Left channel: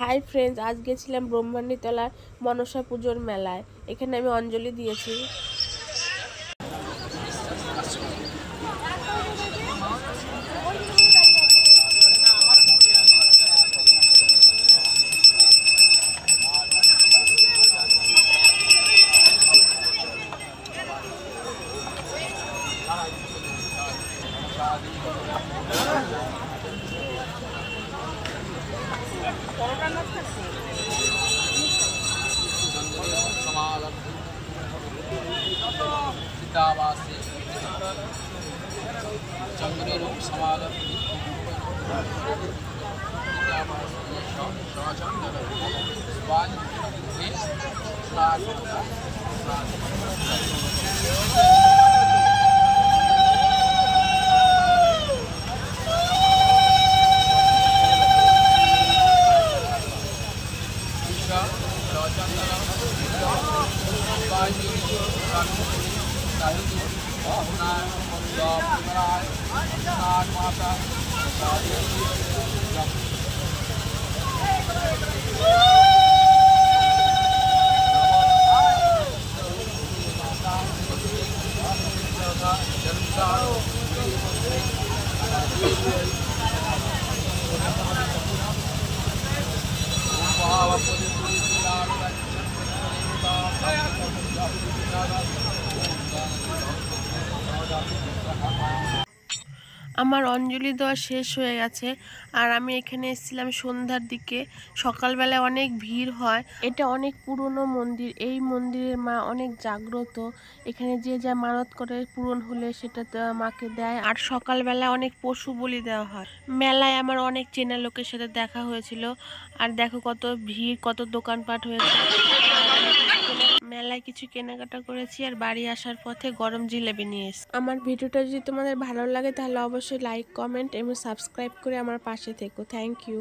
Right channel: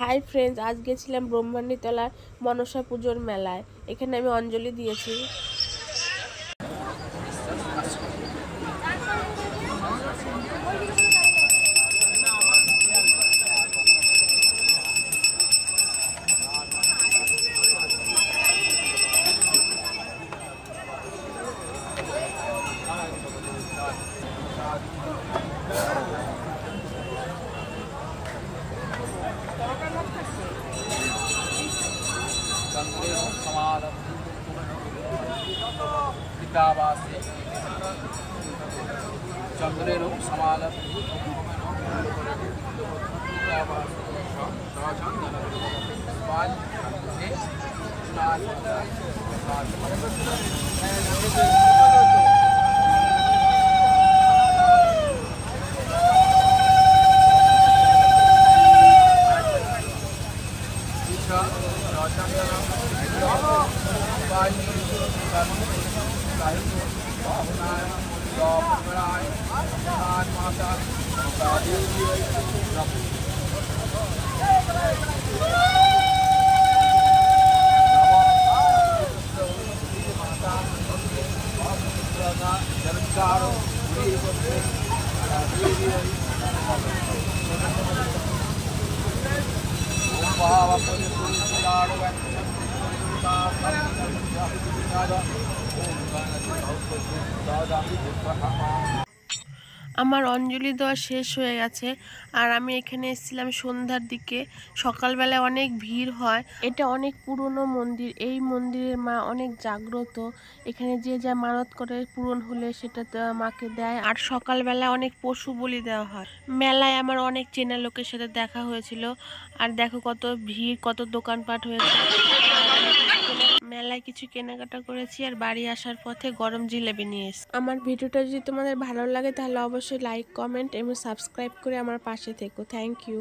Hi friends, আজ গেছিলাম ব্রহ্মণীতলার মনসা পুজোর মেলায়। এখানে আমি অঞ্জলি দিয়েছি। चंद्रेण समालब्धुतावासे चंद्रेण समालब्धुतावासे स्वाचंद्रे स्नात्मता আমার অঞ্জলি দেওয়া শেষ হয়ে গেছে আর আমি এখানে এসেছিলাম সন্ধ্যার দিকে। সকালবেলায় অনেক ভিড় হয়। এটা অনেক পুরনো মন্দির। এই মন্দিরের মা অনেক জাগ্রত। এখানে যে যা মানত করে পূরণ হলে সেটা মাকে দেয়। আর সকালবেলা অনেক পশু বলি দেওয়া হয়। মেলায় আমার অনেক চেনা লোকের সাথে দেখা হয়েছিল। আর দেখো কত ভিড়, কত দোকানপাট হয়েছে। মেলায় কিছু কেনাকাটা করেছি আর বাড়ি আসার পথে গরম জিলেবি নিয়ে এসেছি। আমার ভিডিওটা যদি তোমাদের ভালো লাগে তাহলে অবশ্যই লাইক, কমেন্ট এবং সাবস্ক্রাইব করে আমার পাশে থেকো। Thank you.